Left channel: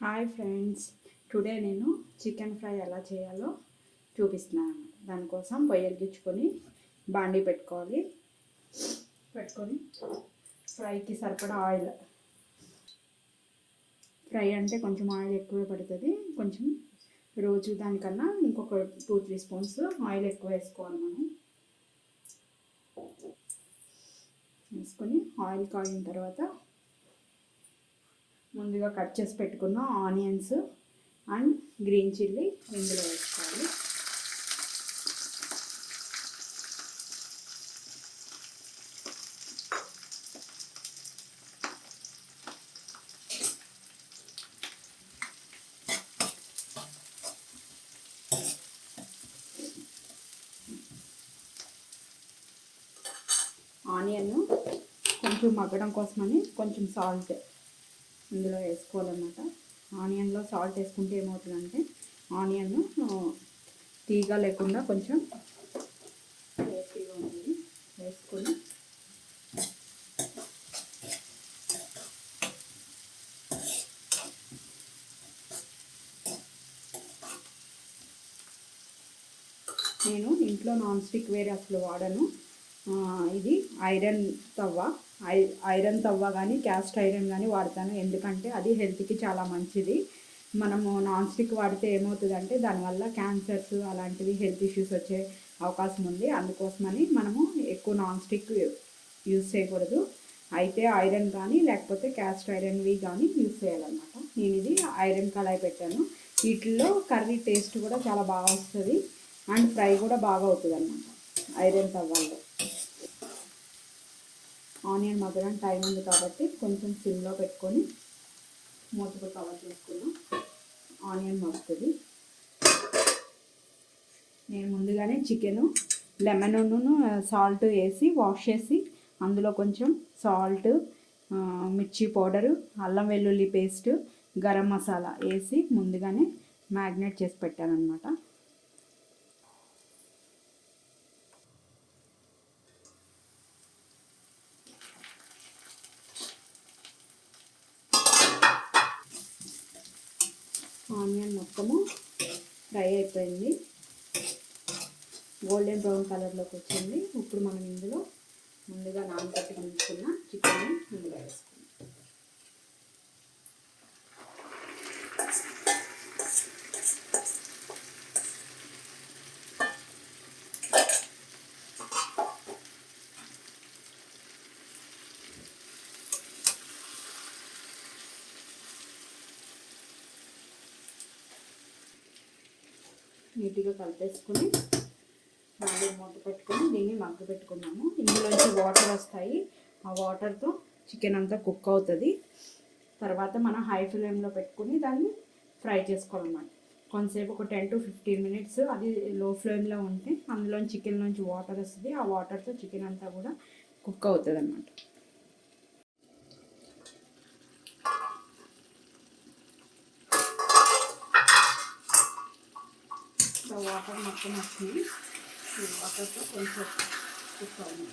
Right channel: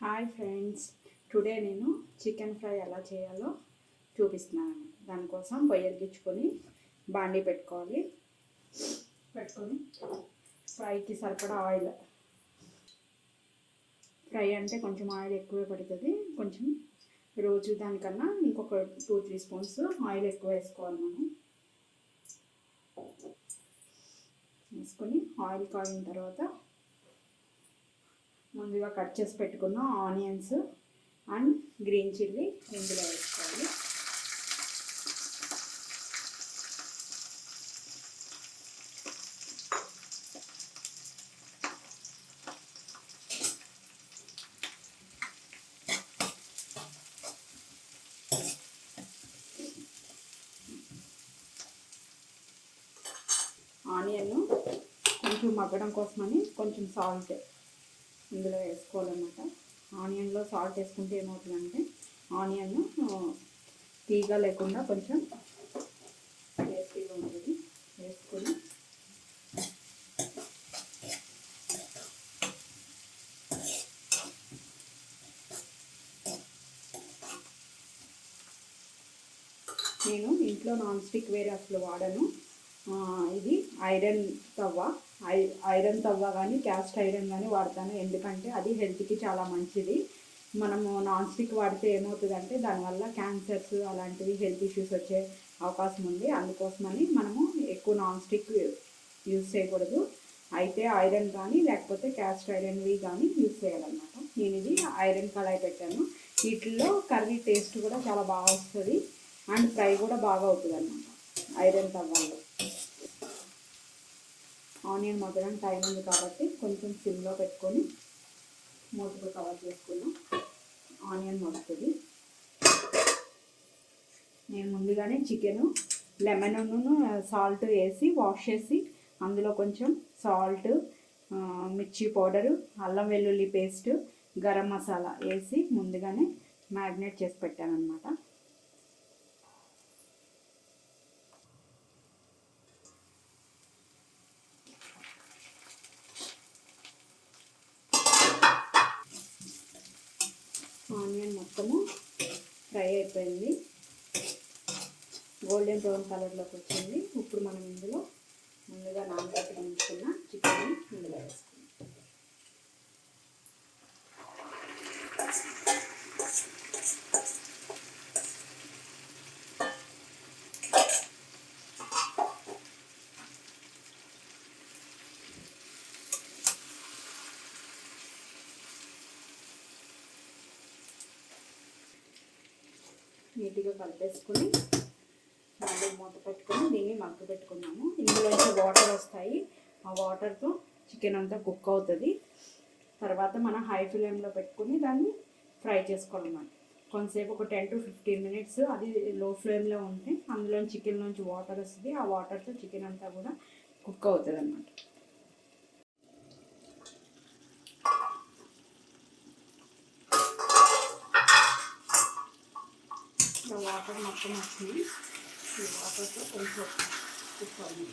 Hi friends, today నేను chicken fry ఎలా చేయాలో చూపిస్తున్నాను. దానికోసం పొయ్యి వెలిగించుకొని బాండీ పెట్టుకొని ఫ్రైకి సరిపడా ఆయిల్. ఫ్రై అంటే కొంచెం ఆయిల్ ఎక్కువ పడుతుంది. కొంచెం రోజు దానికన్నా ఇంకొక 2-3 స్పూన్స్ ఆయిల్ ఎక్కువ వేసుకోవాలి. మనం వేసుకొని ఆయిల్ కాగిన తర్వాత ముందుగా కట్ చేసి పెట్టుకున్న ఆనియన్స్ అండ్ గ్రీన్ చిల్లీ ఇందులో వేసుకోవాలి. ఆనియన్ కొంచెం మగ్గడం కోసమని కొంచెం సాల్ట్ ఇందులో వేసుకోవాలన్నమాట. ఆనియన్లో సాల్ట్ వేసుకుంటే ఏమవుతుందంటే ఆనియన్ తీగ లేకుండా కొంచెం టేస్టీగా ఉంటుంది. వేసుకొని నేను ఇంట్లో నాన్ స్టిక్ వేరే అసలు వాడను. ఇది ఐరన్ తవ్వ కానీ క్యాస్ట్ ఐరన్ కానీ వాడతాను. ఎందుకంటే అది హెల్త్కి చాలా మంచిది. మనము నాన్ స్టిక్ వాడితే ఏమవుతుందంటే దానివల్ల క్యాన్సర్స్ అలాంటివి హెల్త్ ఇష్యూస్ వచ్చే అవకాశం ఉంది. అందుకోసమని మనము ఎక్కువ నాన్ స్టిక్ యూజ్ చేయకూడదు. అయితే ఐరన్ కానీ లేకపోతే క్యాస్ట్ ఐరన్వి కానీ యూజ్ చేయాలన్నమాట. నేను ఇది ఐరన్ కళాయి పెట్టాను. వీటిల్లో కర్రీ టేస్ట్ కూడా చాలా బాగా వస్తుంది అండ్ ఫ్రై కూడా బాగా అవుతుంది అన్నమాట ఐరన్ తవ్వాలో. ఆనియన్ మగ్గడం టైం ఉంది కాబట్టి కొంచెం సిమ్లో పెట్టుకొని మూతతో కవర్ చేసుకున్నాం. ఆనియన్ మగ్గుతుంది. నేను ముందుగానే చికెను లెమన్ సాల్ట్ వేసి వాష్ చేసి అందులో కొంచెం సాల్ట్, మిర్చి పౌడరు, అల్లం వెల్లుల్లి పేస్ట్, గరం మసాలా వేసి ముందుగానే మ్యారినేట్ చేసి పెట్టాను అన్నమాట. ఆనియన్ మొత్తము ఫ్రై అయిపోయింది, గోల్డెన్ బ్రౌన్ కలర్లోకి వచ్చింది. ఇప్పుడు మనం ఇందులో ముందుగా నానబెట్టి ఉంచుకున్న చికెన్ ఇందులో వేసుకుందాం. నీట్గా కలిపేసుకొని మళ్ళీ మూత పెట్టుకొని దీన్ని మగ్గ పెట్టుకున్నాము. ఇందులోంచి వాటర్ వస్తాయి. ఆ వాటర్తో చికెన్ అంతా కుక్ అవుతుంది. తర్వాత మనం హై ఫ్లేమ్లో పెట్టుకుని దాన్ని ఫ్రై చేసుకోవాలన్నమాట. కొంతసేపు ఒక 10-15 మినిట్స్ అది లో ఫ్లేమ్లో ఉంటే అందులో చికెన్ నుంచి వాటర్ వస్తుంది. ఆ వాటర్తో చికెన్ అంతా కూడా కుక్ అవుతుంది అన్నమాట. వాటర్ మొత్తం వచ్చింది. వాటర్తో కొంచెం కుక్ అవ్వాలి.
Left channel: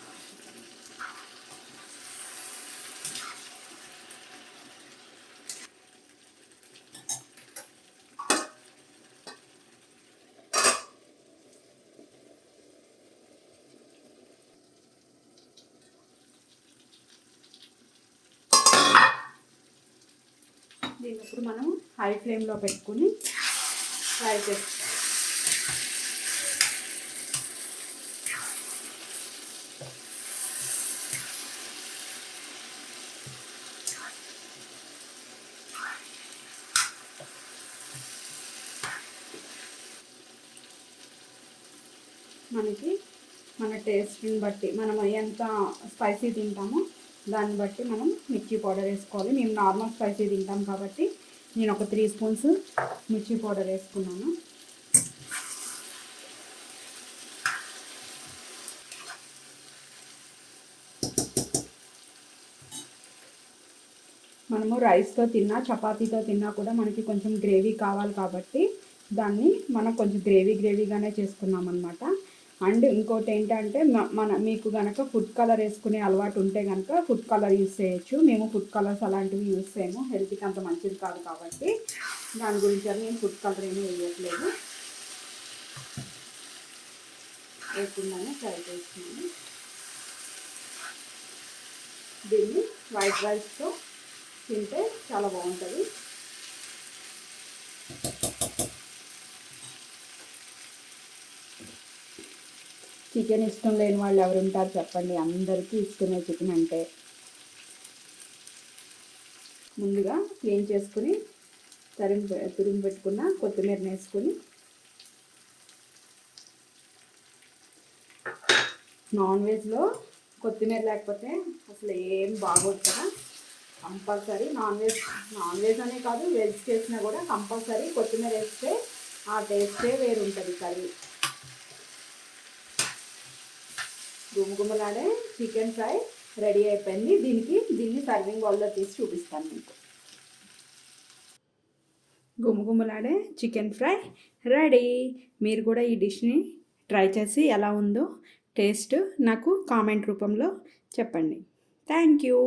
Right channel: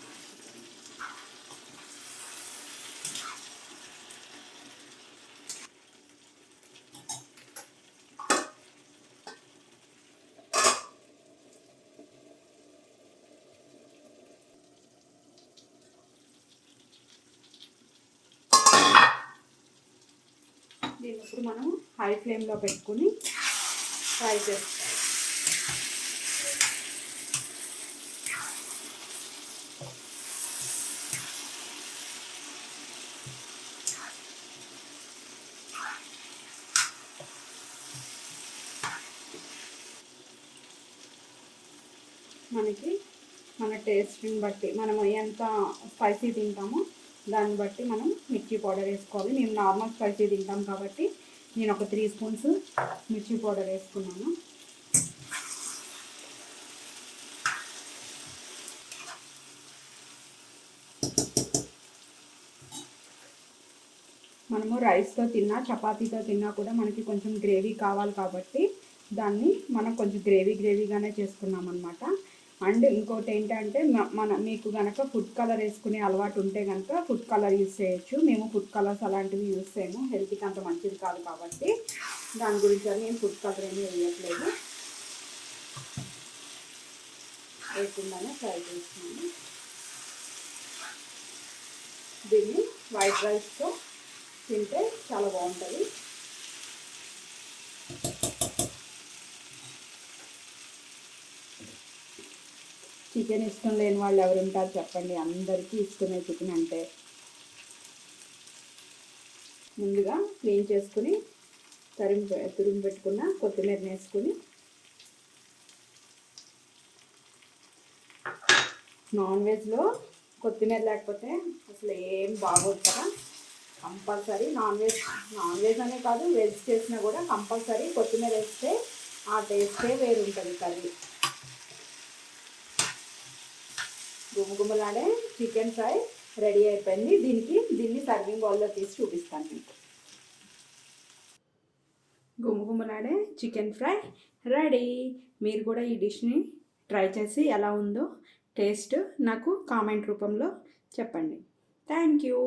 దీన్ని ఇప్పుడు మనం హై ఫ్లేమ్లో పెట్టుకుని ఫ్రై చేసుకోవాలి. మనకి మన టేస్ట్ని బట్టి మనం ఎంత స్పైసీ తింటామో దాన్ని బట్టి మనం మిర్చి పౌడర్ వేసుకోవాలి. మేము నార్మల్ స్పైసీ తింటాం కాబట్టి నేను ఒక 3 స్పూన్స్ మిర్చి పౌడర్ వేసుకున్నాను. మనము రైస్తో తిన్నా చపాతీతో తిన్నా కూడా మనకి కొంచెం గ్రేవీ కావాలి కాబట్టి దాన్ని మనం కొంచెం గ్రేవీగానే చేసుకున్నాం అన్నమాట. అండ్ ఇంకోటి ఏంటంటే మీకు కనుక ఫుడ్ కలర్ వేసుకునే అలవాటు ఉంటే కనుక ఫుడ్ కలర్ యూస్ చేయొచ్చు. మేము ఫుడ్ కలర్స్ అలాంటివి యూస్ చేయము, హెల్త్కి అంత మంచిది కాదు కాబట్టి దాని గురించి అని నేను ఫుడ్ కలర్ ఏమీ వేయట్లేదు. వేయకుండానే ఫ్రై చేస్తున్నాను. దీన్ని వైట్ రైస్తో తింటే చాలా బాగుంటుంది. చికెన్ ఇష్టం లేని వాళ్ళు ఎవరు ఉంటారు చెప్పండి, అందరికీ ఇష్టమే చికెన్ అంటే. ముందుగా క్లీన్ చేసుకుని తురిమి పెట్టుకున్న కొత్తిమీర వేసుకుని, నాన్ వెజ్లో కొత్తిమీర లేకపోతే అసలు ఏం బాగోదు కదా. కంపల్సరీ నాన్ వెజ్ అనే కాదు, వెజ్ చేసినా కూడా కంపల్సరీ కొత్తిమీర వేస్తే ఆ టేస్టే వేరు ఉంటుంది కర్రీ. గుమగుమలాడే చికెన్ ఫ్రై రెడీ అయిపోయింది. దీన్ని సర్వింగ్ బౌల్లో తీసి చూపిస్తాను మీకు. గుమగుమలాడే చికెన్ ఫ్రై రెడీ. మీరు కూడా ఈ డిష్ని ట్రై చేసి ఎలా ఉందో టేస్ట్ నాకు కామెంట్ రూపంలో చెప్పండి. Thank you.